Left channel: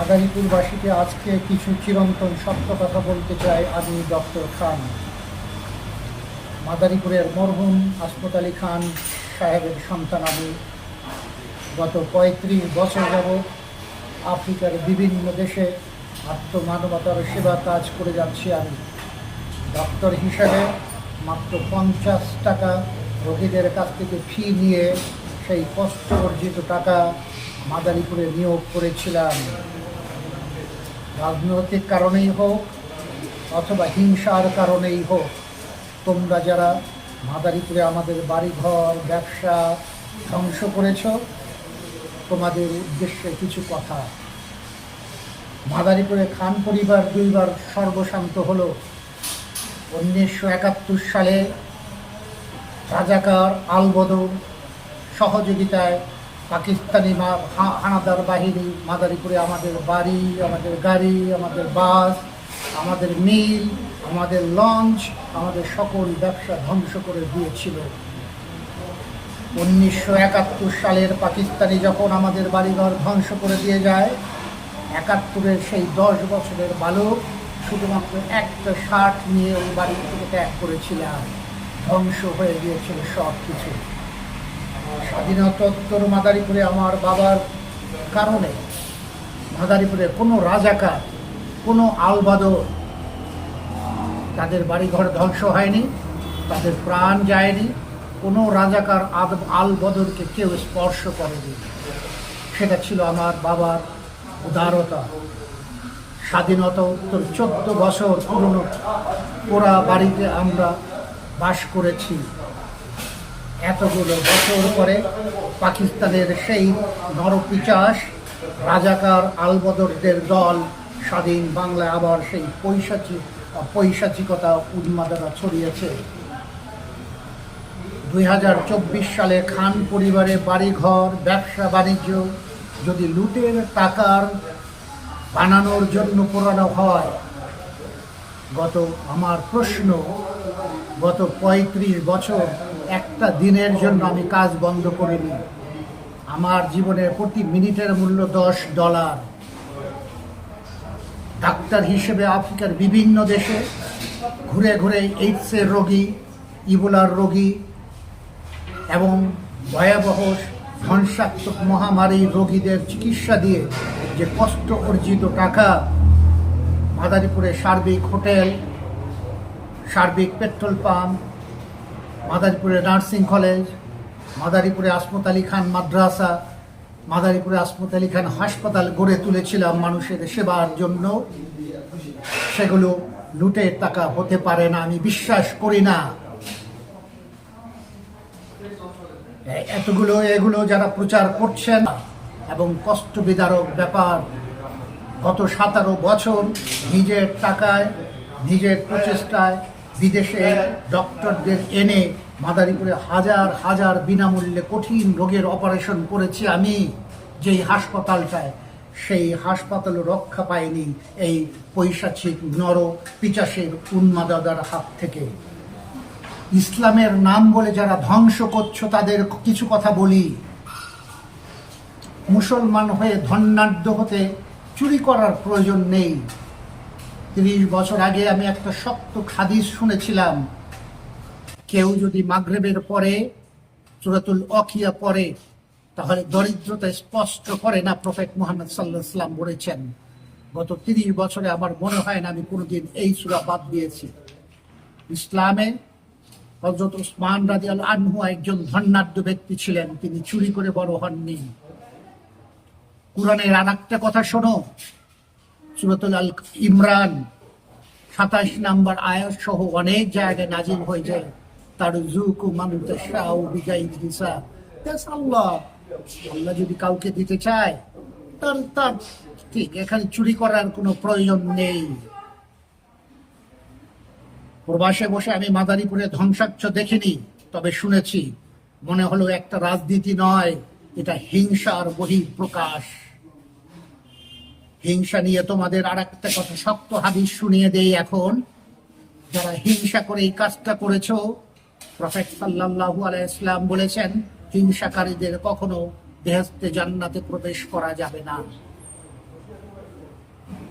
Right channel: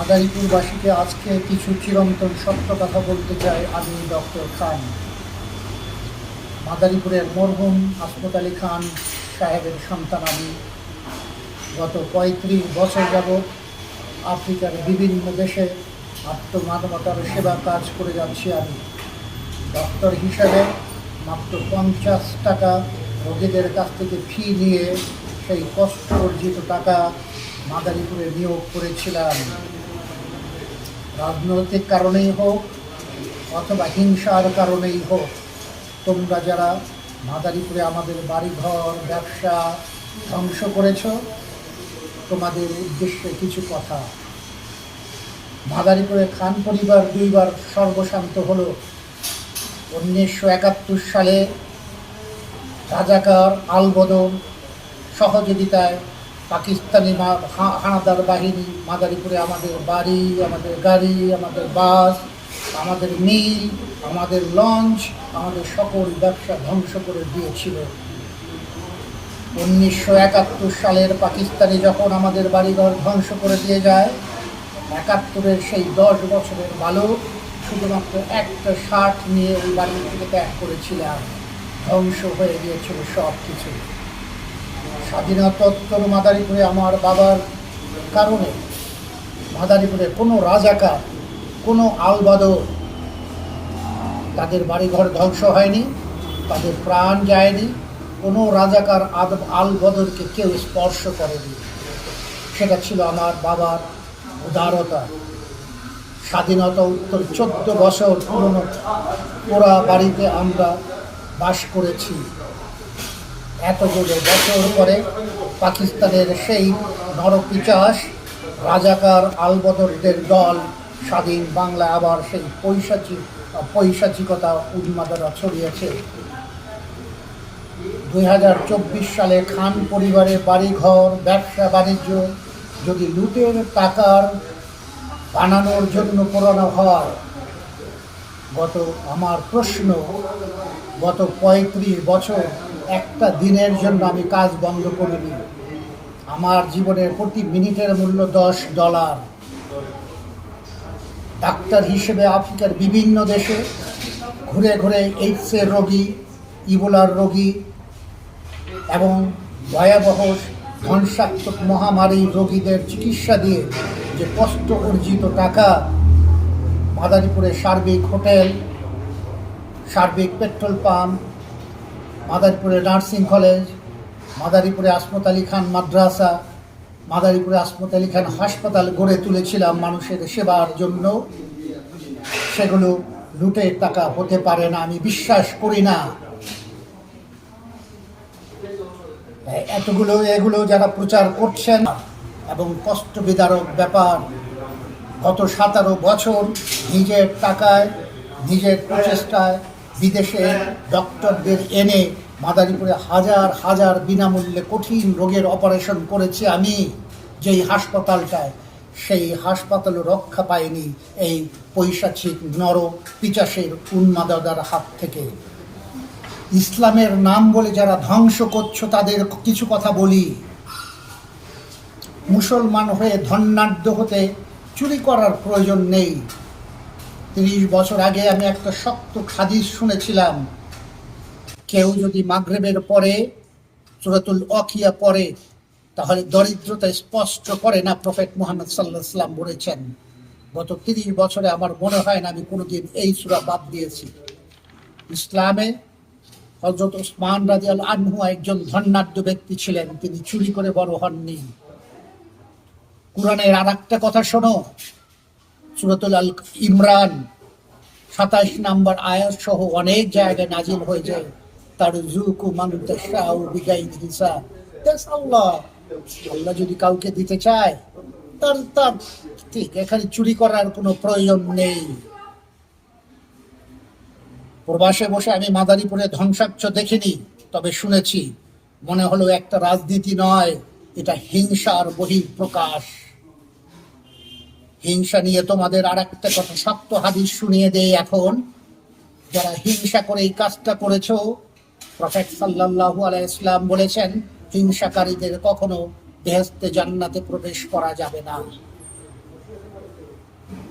মাদারীপুরবাসীকে আজকে কিছু চিরন্তন সত্য কথা বলতে চাই। আমি ডক্টর খান, মাদারীপুরের মরহুম হাসমত আলী খান সাহেবের সন্তান। আমি গত ৩৫ বছর যাবৎ আফ্রিকার বিভিন্ন দেশে আত্মমানবতার সেবা কাজ করে যাচ্ছি। আমি ডক্টর হিসাবে মাত্র ৫০ টাকা রোগীদের কাছ থেকে ফি নিয়ে সেই কষ্ট অর্জিত টাকা মাদারীপুরে নিয়োগ করেছিলাম। রাজনৈতিক কারণেই হোক অথবা হিংসার কারণেই হোক, তোমরা যারা মাদারীপুরে আমাদের বাড়িঘর ব্যবসা ধ্বংস করেছ, তোমাদের উদ্দেশ্যে কিছু কথা। মাদারীপুরে খান পরিবার দুইবার সর্বশান্ত হলো। 1971 সালে রাজাকার আলবদর সহযোগিতায় পাকিস্তানি হানাদার বাহিনী মাদারীপুরে আমাদের বাড়ি, আমাদের গাড়ি, আমাদের বাস, আমাদের মিল, আমাদের লঞ্চ, আমাদের সকল ব্যবসা ধ্বংস করে দিয়েছিল। 1971 সালের পাকিস্তানি যখন আমাদের বাড়িঘর ধ্বংস করে দিয়ে যায়, 71-এর সেই 10 বছরের বালক শুধুমাত্র একটা শার্ট নিয়ে ওই বাড়ি থেকে ত্যাগ করেছিলাম। ধ্বংস হয়ে গিয়েছিল সব কিছু। স্বাধীনতোত্তর মাদারীপুরে আমার বাবার কারণে মাদারীপুরে কোনো রাজাকার, কোনো আলবদর, তাদের বাড়িঘর ধ্বংস হয়নি, তাদের প্রাণ যায়নি। কোনো রাজাকার আলবদরকে কেউ স্পর্শ করেনি। সেটা ছিল আমার বাবার উদারতা। স্বাধীনতা উত্তর 14 বছর পুরনো পোড়া বাড়িতে আমরা বাস করেছি। এতগুলো বছর পরে পাকিস্তানের সেই নরপিচাস রাজাকার আলবদরদের দল স্বাধীন বাংলায় আবার সেই পৈশাচিকতা উন্মাদনা ছড়িয়েছে। 2024 সালে খান পরিবারে বাড়িঘর ব্যবসা বাণিজ্য যদি লুটের টাকার বানানোর জন্য পোড়ানো হয়, আমার প্রশ্ন, গত 35 বছর একটা দিনের জন্য আমি কাজ বন্ধ করিনি। আমার জীবনের প্রতি মিনিটের মূল্য $10। ডাক্তার হিসেবে আফ্রিকার বিভিন্ন দেশে ঘুরে ঘুরে এইডসের রোগী, ইবোলার রোগী এবং ভয়াবহ ধ্বংসাত্মক মহামারী রোগীদের চিকিৎসা দিয়ে যে কষ্ট অর্জিত টাকা মাদারীপুরে সার্বিক হোটেল, সার্বিক পেট্রোল পাম্প, মাদারীপুরে নার্সিং কলেজ, মাদারীপুরে হাসমত আলী খান মাদ্রাসা, মাদারীপুরে হাসমত আলী খান হাসপাতাল গড়ে তুলেছিলাম মানুষের সেবার জন্য, সেগুলো লুটের টাকা হতে পারে না। আমি বিশ্বাস করি না। এগুলো যারা প্রচার করছেন এবং কষ্ট বিদারক ব্যাপার। গত 17 বছর নিজের টাকায়, নিজের প্রচেষ্টায় বিদেশে ডক্টরদের এনে মাদারীপুরে হাজার হাজার বিনামূল্যে কঠিন রোগের অপারেশন করেছি আমি। যেই হাসপাতালটায়, সেই হাসপাতালও রক্ষা পায়নি এই পৈশাচিক নর পিচাসের উন্মাদনার হাত থেকে। ইসলামের নাম বলে যারা ধ্বংস করছো তাদের কিছু কথা বলি। মুসলমান হয়ে ধন্যাঢ্য হতে চুরি করার প্রয়োজন নেই। 30 বছর আগে আমি একটা শক্ত হাদিস শুনেছিলাম, কেউ যদি মাগরিবের পরে সূরাতুল ওয়াকিয়া পড়ে তাহলে দরিদ্রতা স্পষ্ট করে না। প্রফেট মুহাম্মদ সাল্লাল্লাহু আলাইহি ওয়াসাল্লাম বলেছেন। গত 30 বছরে আমার মনে হয় না আমি কোনোদিন এই সূরা বাদ দিয়েছি। ইসলামে হযরত ওসমান রাদিয়াল্লাহু আনহু একজন ধন্যাঢ্য ব্যক্তি ছিলেন, তিনি চুরি করে বড় হননি। কুরআনের আরেকটা কথা শোনো, সূরাতুল আল ইমরান 27 নম্বর আয়াত সহ অনেক জায়গায় নাজিল হয়ে যায়, তারযুকু মান তাশাউ বিগাইরি হিসাব। আল্লাহ যদি কাউকে দিতে চায় তার ঠিক, এখানে চুরি করার কোনো প্রয়োজন নেই। প্রবাসে বসে আমি মাদারীপুরে ধ্বংসাচ্ছ দেখিনি, তবে শুনেছি। মনে হলো একটা রাজনীতি নয়, এটা হিংসার বহিঃপ্রকাশ। হিংসা নিয়ে তোমাদের আর একটা কথা শক্ত হাদিস শুনিয়ে দেই এখন। যারা হিংসা করে এই কাজটা করেছো, প্রফেট সাল্লাল্লাহু আলাইহি ওয়াসাল্লাম বলেছেন, হিংসাকারীদের কখনো বেহেশতে জান্নাতে প্রবেশ করা যাবে না।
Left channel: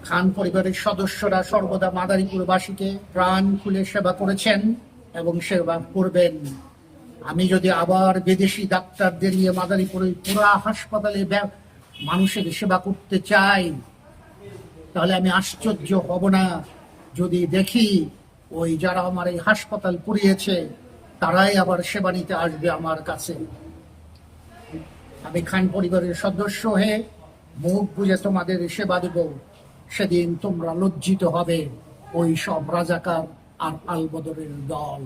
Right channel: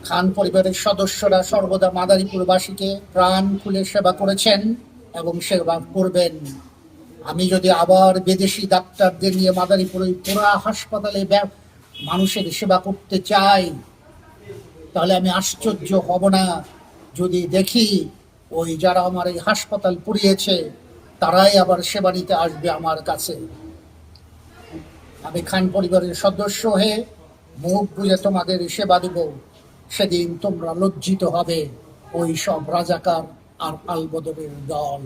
খান পরিবারের সদস্যরা সর্বদা মাদারীপুরবাসীকে প্রাণ খুলে সেবা করেছেন এবং সেবা করবেন। আমি যদি আবার বিদেশি ডাক্তারদের নিয়ে মাদারীপুর ওই পুরা হাসপাতালে মানুষের সেবা করতে চাই, তাহলে আমি আশ্চর্য হব না যদি দেখি ওই যারা আমার এই হাসপাতাল পুড়িয়েছে তারাই আবার সেবা নিতে আসবে আমার কাছে। আমি খান পরিবারের সদস্য হয়ে মুখ বুঝে তোমাদের সেবা দেব, সেদিন তোমরা লজ্জিত হবে ওই সব রাজাকার আর আলবদরের দল।